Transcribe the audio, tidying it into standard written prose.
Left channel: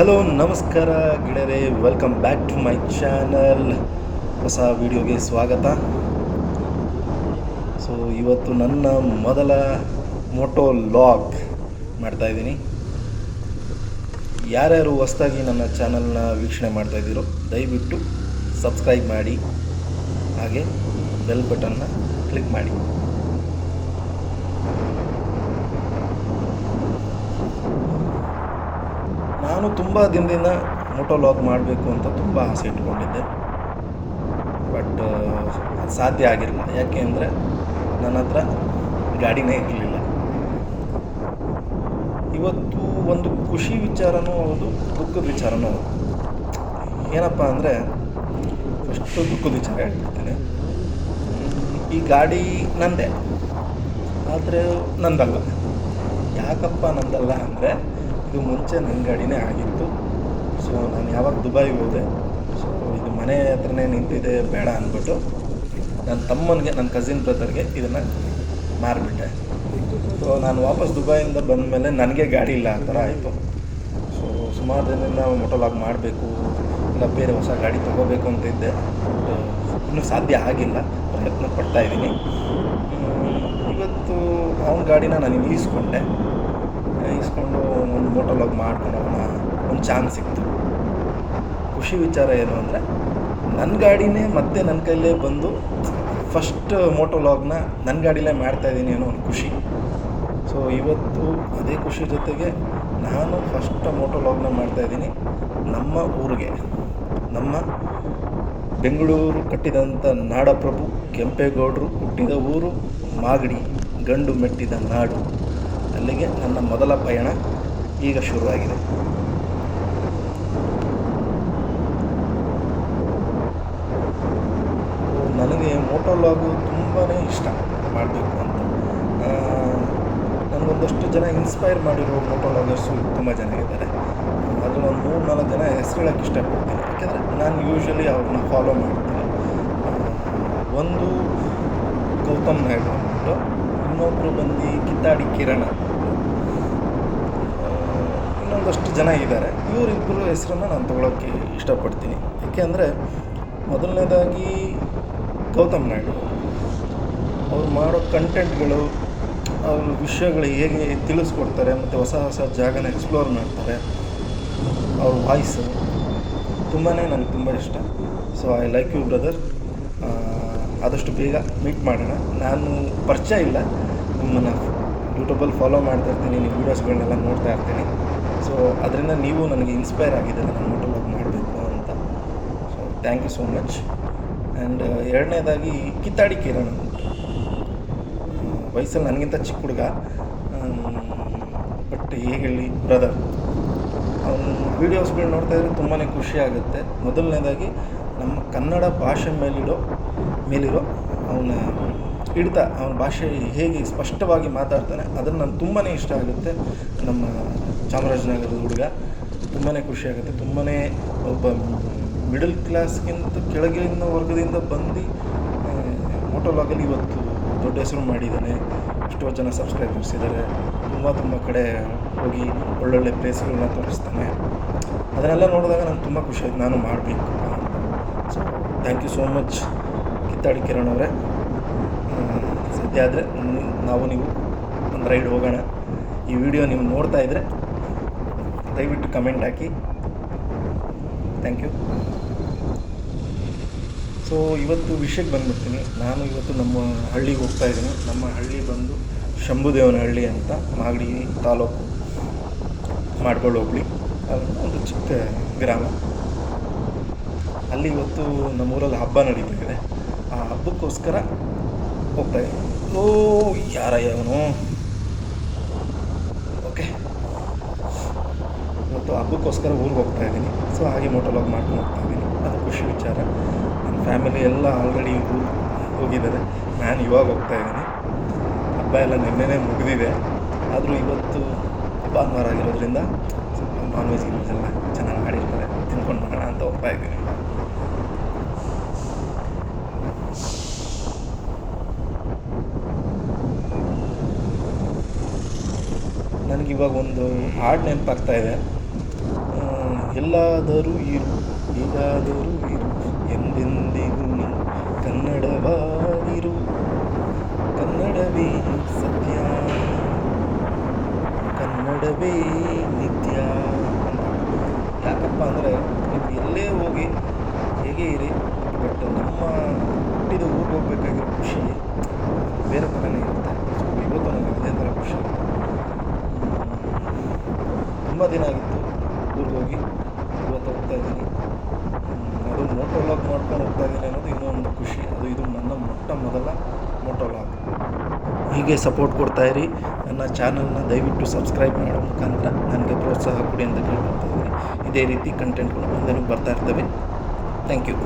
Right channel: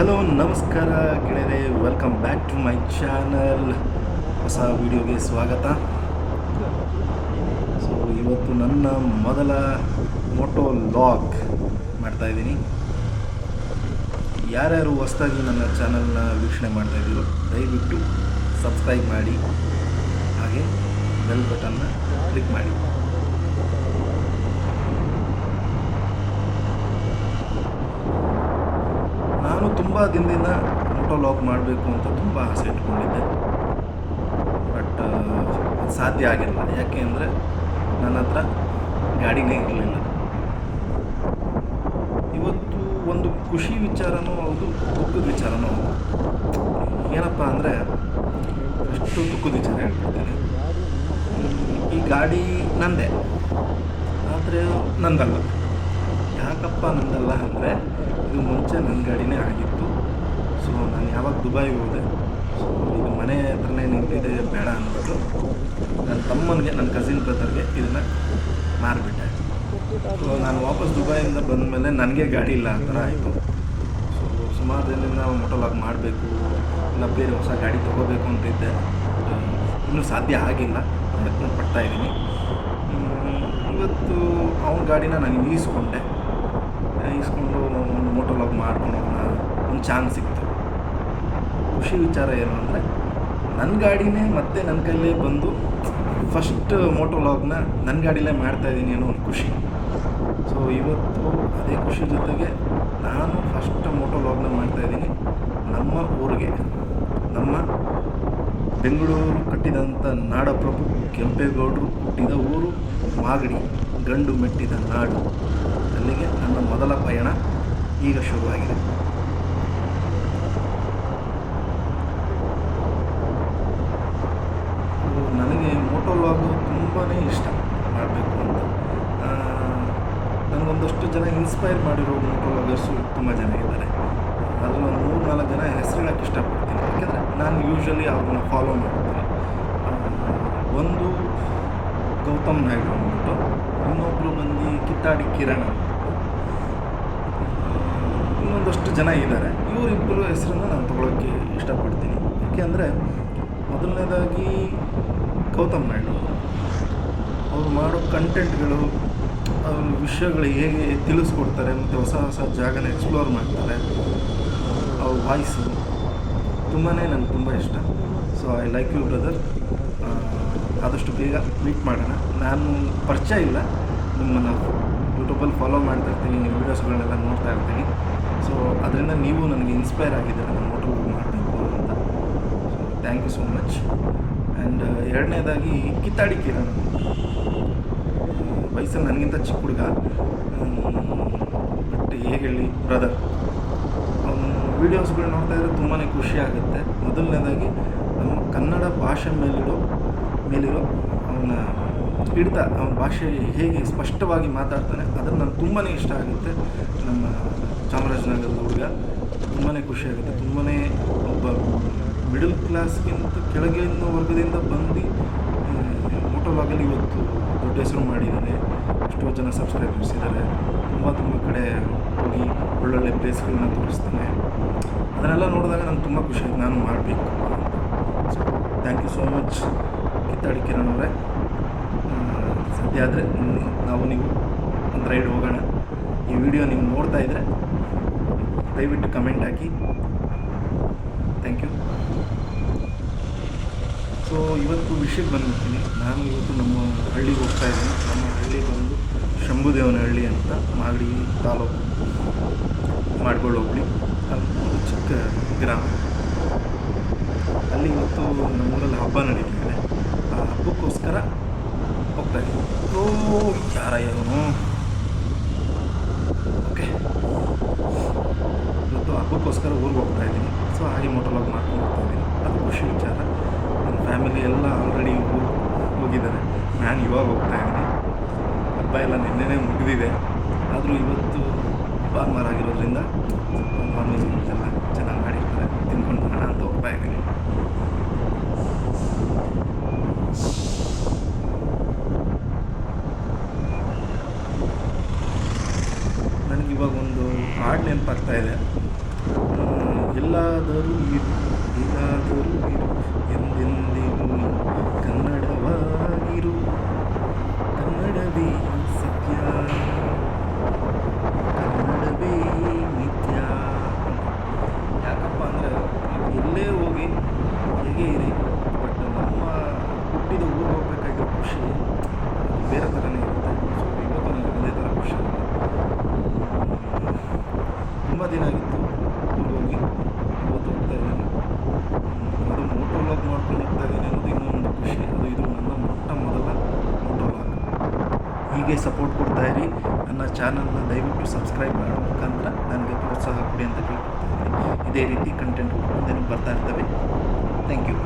Hello ನಮಸ್ಕಾರ ಗೆಳೆಯರೆ, welcome back to my channel. ಹೊಸ ವಿಡಿಯೋಗೆ ಸ್ವಾಗತ. ಸೊ ಇವತ್ತು ನನ್ನ ಮೊದಲ ಮೋಟೋ ಲಾಗ್ ಮಾಡ್ತಾಯಿದ್ದೀನಿ. ಯಾರ್ಯಾರು ಹೊಸದಾಗಿ ನನ್ನ ಚಾನಲ್ನ ವೀಕ್ಷಣೆ ಮಾಡ್ತಾಯಿದ್ದೀರೋ ದಯವಿಟ್ಟು ಸಬ್ಸ್ಕ್ರೈಬ್ ಮಾಡಿ, ಹಾಗೆ ಬೆಲ್ ಬಟನ್ನ ಕ್ಲಿಕ್ ಮಾಡಿ. ನಾನು ತುಂಬ ದಿನದಿಂದ ಮೋಟೋ ಲಾಗ್ ಮಾಡಬೇಕು ಅಂತ ತುಂಬ ಆಸೆ ಇಟ್ಕೊಂಡಿದ್ದೆ. ಬಟ್ ಅದು ಸಾಧ್ಯ ಆಗಿರಲಿಲ್ಲ. ಯಾಕೆ ಅಂದರೆ ನನ್ನ ಹತ್ರ ಗಾಡಿನೇ ಇರಲಿಲ್ಲ. ಇವತ್ತು ಒಂದು ಖುಷಿ ವಿಚಾರನೂ ಹೌದು, ದುಃಖದ ವಿಚಾರನೂ ಹೌದು. ಏನಪ್ಪ ಅಂದರೆ, ಫಸ್ಟು ದುಃಖದ ವಿಚಾರ ಹೇಳ್ಬಿಡ್ತೀನಿ. ಈ ಗಾಡಿ ನಂದೇ, ಆದರೆ ನಂದಲ್ಲ. ಯಾಕಪ್ಪ ನಂದಲ್ಲ ಅಂದರೆ, ಇದು ಮುಂಚೆ ನನ್ನ ಗಾಡಿನೇ ಆಗಿತ್ತು. ಸೊ ನಾನು ಯಾವಾಗ ದುಬೈಗೆ ಹೋದೆ, ಸೊ ಇದು ಮನೆ ಹತ್ರನೇ ನಿಂತಿದೆ ಬೇಡ ಅಂದ್ಬಿಟ್ಟು ನನ್ನ ತಮ್ಮನಿಗೆ, ನನ್ನ ಕಸಿನ್ ಬ್ರದರ್ಗೆ ಇದನ್ನು ಮಾರಿಬಿಟ್ಟೆ. ಸೊ ನಾನು ವಾಪಸ್ ದುಬೈಯಿಂದ ಬಂದಮೇಲೆ ನನಗೆ ಗಾಡಿ ಇಲ್ಲ ಆ ಥರ ಆಯಿತು. ಸೊ ಸುಮಾರು ದಿನದಿಂದ ಮೋಟೋ ಲಾಗ್ ಮಾಡಬೇಕು, ಇಲ್ಲ ಬೇರೆ ಹೊಸ ಗಾಡಿ ತೊಗೋಬೇಕು ಅಂತಿದ್ದೆ. ಬಟ್ ಇನ್ನೂ ಸಾಧ್ಯ ಆಗಿಲ್ಲ, ಪ್ರಯತ್ನ ಪಡ್ತಾಯಿದ್ದೀನಿ. ಇವತ್ತು ಅವನ ಗಾಡಿನ ನಾನು ಈಸ್ಕೊಂಡು ಒಂದು ಮೋಟೋ ಲಾಗ್ ಮಾಡ್ಕೊಂಡು ಹೋಗೋಣ, ಒಂದು ಚಾನ್ಸ್ ಸಿಕ್ತು. ಖುಷಿ ವಿಚಾರ ಏನು ಅಂದರೆ, ನನ್ನ ಗಾಡಿನೇ ಮತ್ತೆ ನನ್ನ ಕೈಲೇ ಬಂದು ಫಸ್ಟ್ ಮೋಟೋ ಲಾಗ್ನ ನನ್ನ ಗಾಡಿಲೇ ಮಾಡ್ತಾಯಿದ್ದೀನಿ ಅನ್ನೋ ಒಂದು ಖುಷಿ. ಸೊ ಇವತ್ತು ಅದೇ ಖುಷಿ ಜೊತೆಗೆ ನಾನು ಫಸ್ಟ್ ಮೋಟೋ ಲಾಗ್ನ ಮಾಡ್ತಾಯಿದ್ದೀನಿ ನಮ್ಮ ಊರಿಗೆ. ನಮ್ಮ ಬೆಂಗಳೂರು ಕಟ್ಟಿದಂಥ ನಾಡಪ್ರಭು ಕೆಂಪೇಗೌಡರು ಹುಟ್ಟಿದ ಊರು ಮಾಗಡಿ, ಗಂಡು ಮೆಟ್ಟಿದ ನಾಡು. ಅಲ್ಲಿಗೆ ನನ್ನ ಮೊದಲ ಪಯಣ ಈಗ ಶುರುವಾಗಿದೆ. ನನಗೆ ಮೋಟೋ ಲಾಗು ತುಂಬಾ ಇಷ್ಟ ಮಾಡಬೇಕು ಅಂತ. ನನಗೊಂದಷ್ಟು ಜನ ಇನ್ಸ್ಪೈರ್ ಮಾಡಿರೋ ಮೋಟೋ ಲಾಗರ್ಸು ತುಂಬ ಜನ ಇದ್ದಾರೆ. ಅದರಲ್ಲಿ ಒಂದು 3-4 ಜನ ಹೆಸರು ಹೇಳೋಕ್ಕೆ ಇಷ್ಟಪಡ್ತೀನಿ, ಯಾಕೆಂದರೆ ನಾನು ಯೂಶ್ವಲಿ ಅವ್ರನ್ನ ಫಾಲೋ ಮಾಡ್ತೀನಿ. ಒಂದು ಗೌತಮ್ ನಾಯ್ಡು ಅಂದ್ಬಿಟ್ಟು, ಇನ್ನೊಬ್ಬರು ಬಂದು ಕಿತ್ತಾಡಿ ಕಿರಣ್ ಅಂದ್ಬಿಟ್ಟು, ಇನ್ನೊಂದಷ್ಟು ಜನ ಇದ್ದಾರೆ. ಇವರಿಬ್ಬರು ಹೆಸರನ್ನು ನಾನು ತೊಗೊಳೋಕ್ಕೆ ಇಷ್ಟಪಡ್ತೀನಿ. ಯಾಕೆ ಅಂದರೆ, ಮೊದಲನೇದಾಗಿ ಗೌತಮ್ ನಾಯ್ಡು ಅವ್ರು ಮಾಡೋ ಕಂಟೆಂಟ್ಗಳು, ಅವ್ರ ವಿಷಯಗಳು ಹೇಗೆ ತಿಳಿಸ್ಕೊಡ್ತಾರೆ, ಮತ್ತು ಹೊಸ ಹೊಸ ಜಾಗನ ಎಕ್ಸ್ಪ್ಲೋರ್ ಮಾಡ್ತಾರೆ. ಅವ್ರ ವಾಯ್ಸು ತುಂಬಾ ನನಗೆ ತುಂಬ ಇಷ್ಟ. So I like you brother. ಆದಷ್ಟು ಬೇಗ ಮೀಟ್ ಮಾಡೋಣ. ನಾನು ಪರಿಚಯ ಇಲ್ಲ, ನಿಮ್ಮನ್ನು ಯೂಟ್ಯೂಬಲ್ಲಿ ಫಾಲೋ ಮಾಡ್ತಾ ಇರ್ತೀನಿ, ನಿಮ್ಮ ವೀಡಿಯೋಸ್ಗಳನ್ನೆಲ್ಲ ನೋಡ್ತಾ ಇರ್ತೀನಿ. ಸೊ ಅದರಿಂದ ನೀವು ನನಗೆ ಇನ್ಸ್ಪೈರ್ ಆಗಿದ್ದೀರ ನಾನು ಮೋಟೋ ಲಾಗ್ ಮಾಡಬೇಕು ಅಂತ. So thank you so much. And ಎರಡನೇದಾಗಿ ಕಿತ್ತಾಡಿ ಕಿರಣ್, ವಯಸ್ಸಲ್ಲಿ ನನಗಿಂತ ಚಿಕ್ಕ ಹುಡುಗ, ಬಟ್ ಹೇಗೆ ಹೇಳಿ ಬ್ರದರ್, ಅವನ ವೀಡಿಯೋಸ್ಗಳು ನೋಡ್ತಾ ಇದ್ದರೆ ತುಂಬಾ ಖುಷಿ ಆಗುತ್ತೆ. ಮೊದಲನೇದಾಗಿ ನಮ್ಮ ಕನ್ನಡ ಭಾಷೆ ಮೇಲಿರೋ ಅವನ ಹಿಡಿತ, ಅವನ ಭಾಷೆ ಹೇಗೆ ಸ್ಪಷ್ಟವಾಗಿ ಮಾತಾಡ್ತಾನೆ, ಅದನ್ನು ನನಗೆ ತುಂಬಾ ಇಷ್ಟ ಆಗುತ್ತೆ. ನಮ್ಮ ಚಾಮರಾಜನಗರದ ಹುಡುಗ, ತುಂಬಾ ಖುಷಿಯಾಗುತ್ತೆ. ತುಂಬಾ ಒಬ್ಬ ಮಿಡಲ್ ಕ್ಲಾಸ್ಗಿಂತ ಕೆಳಗಿನ ವರ್ಗದಿಂದ ಬಂದು ಮೋಟೋ ಲಾಗಲ್ಲಿ ಇವತ್ತು ದೊಡ್ಡ ಹೆಸರು ಮಾಡಿದ್ದಾನೆ. ಎಷ್ಟೋ ಜನ ಸಬ್ಸ್ಕ್ರೈಬರ್ಸ್ ಇದ್ದಾರೆ. ತುಂಬ ಕಡೆ ಹೋಗಿ ಒಳ್ಳೊಳ್ಳೆ ಪ್ಲೇಸ್ಗಳನ್ನ ತೋರಿಸ್ತಾನೆ. ಅದನ್ನೆಲ್ಲ ನೋಡಿದಾಗ ನಂಗೆ ತುಂಬ ಖುಷಿ ಆಯ್ತು, ನಾನು ಮಾಡಬೇಕಪ್ಪ ಅಂತ. So thank you so much ಕಿತ್ತಾಡಿ ಕಿರಣ್ ಅವರೇ. ಸದ್ಯ ಆದರೆ ನೀವು ಒಂದು ರೈಡ್ ಹೋಗೋಣ. ಈ ವಿಡಿಯೋ ನೀವು ನೋಡ್ತಾ ಇದ್ದರೆ ದಯವಿಟ್ಟು ಕಮೆಂಟ್ ಹಾಕಿ. Thank you. ಸೊ ಇವತ್ತು ವಿಷಯಕ್ಕೆ ಬಂದುಬಿಡ್ತೀನಿ. ನಾನು ಇವತ್ತು ನಮ್ಮ ಹಳ್ಳಿಗೆ ಹೋಗ್ತಾಯಿದ್ದೀನಿ. ನಮ್ಮ ಹಳ್ಳಿ ಬಂದು ಶಂಭುದೇವನಹಳ್ಳಿ ಅಂತ, ಮಾಗಡಿ ತಾಲೂಕು, ಮಾಡ್ಗೋಳು ಹೋಬಳಿ, ಅದನ್ನು ಒಂದು ಚಿಕ್ಕ ಗ್ರಾಮ. ಅಲ್ಲಿ ಇವತ್ತು ನಮ್ಮೂರಲ್ಲಿ ಹಬ್ಬ ನಡೀತಾ ಇದೆ. ಆ ಹಬ್ಬಕ್ಕೋಸ್ಕರ ಹೋಗ್ತಾಯಿದ್ದೀನಿ. ಓ ಯಾರಯ್ಯವನು, ಓಕೆ, ಇವತ್ತು ಹಬ್ಬಕ್ಕೋಸ್ಕರ ಊರಿಗೆ ಹೋಗ್ತಾಯಿದ್ದೀನಿ. ಸೊ ಹಾಗೆ ಮೋಟೋ ಲಾಗ್ ಮಾಡ್ಕೊಂಡು ಹೋಗ್ತಾಯಿದ್ದೀನಿ. ಅದು ಖುಷಿ ವಿಚಾರ. ನನ್ನ ಫ್ಯಾಮಿಲಿ ಎಲ್ಲ ಆಲ್ರೆಡಿ ಊರಿಗೆ ಹೋಗಿದ್ದಾರೆ. ನಾನು ಇವಾಗ ಹೋಗ್ತಾಯಿದ್ದೀನಿ. ಹಬ್ಬ ಎಲ್ಲ ನಿನ್ನೆನೇ ಮುಗಿದಿದೆ. ಆದರೂ ಇವತ್ತು ಭಾನುವಾರ ಆಗಿರೋದ್ರಿಂದ ಸ್ವಲ್ಪ ನಾನ್ ವೆಜ್ ಎಲ್ಲ ಚೆನ್ನಾಗಿ ಮಾಡಿರ್ತಾರೆ, ತಿನ್ಕೊಂಡು ಬರೋಣ ಅಂತ ಹೋಗ್ತಾಯಿದ್ದೀನಿ. ನನಗಿವಾಗ ಒಂದು ಹಾಡು ನೆನಪಾಗ್ತಾಯಿದೆ. ಎಲ್ಲಾದರೂ ಇರು ಹೇಗಾದರೂ ಇರು ಎಂದೆಂದಿಗೂ ಕನ್ನಡವಾಗಿರು, ಕನ್ನಡವೇ ಸತ್ಯ, ಕನ್ನಡವೇ ನಿತ್ಯ ಅಂತ. ಯಾಕಪ್ಪ ಅಂದರೆ ನೀವು ಎಲ್ಲೇ ಹೋಗಿ ಹೇಗೆ ಇರಿ, ಬಟ್ ನಮ್ಮ ಹುಟ್ಟಿದ ಊರಿಗೆ ಹೋಗ್ಬೇಕಾಗಿರೋ ಖುಷಿ ಅದು ಬೇರೆ ಥರನೇ ಇರುತ್ತೆ. ಸೊ ಇವತ್ತು ನನಗೆ ಅದೇ ಥರ ಖುಷಿ ಇರುತ್ತೆ. ತುಂಬ ದಿನ ಆಗಿತ್ತು ಊರಿಗೆ ಹೋಗಿ, ಇವತ್ತು ಹೋಗ್ತಾಯಿದ್ದೀನಿ. ಅದು ಮೋಟೋ ವ್ಲಾಗ್ ಮಾಡ್ಕೊಂಡು ಹೋಗ್ತಾಯಿದ್ದೀನಿ ಅನ್ನೋದು ಇನ್ನೊಂದು ಖುಷಿ. ಇದು ನನ್ನ ಮೊದಲ ಮೋಟೋ ವ್ಲಾಗ್. ಹೀಗೆ ಸಪೋರ್ಟ್ ಕೊಡ್ತಾಯಿರಿ. ನನ್ನ ಚಾನಲ್ನ ದಯವಿಟ್ಟು ಸಬ್ಸ್ಕ್ರೈಬ್ ಮಾಡೋ ಮುಖಾಂತರ ನನಗೆ ಪ್ರೋತ್ಸಾಹ ಕೊಡಿ ಅಂತ ಕೇಳ್ಕೊಳ್ತಾಯಿದ್ದೀನಿ. ಇದೇ ರೀತಿ ಕಂಟೆಂಟ್ಗಳು ಮುಂದೆನೂ ಬರ್ತಾ ಇರ್ತವೆ. Thank you.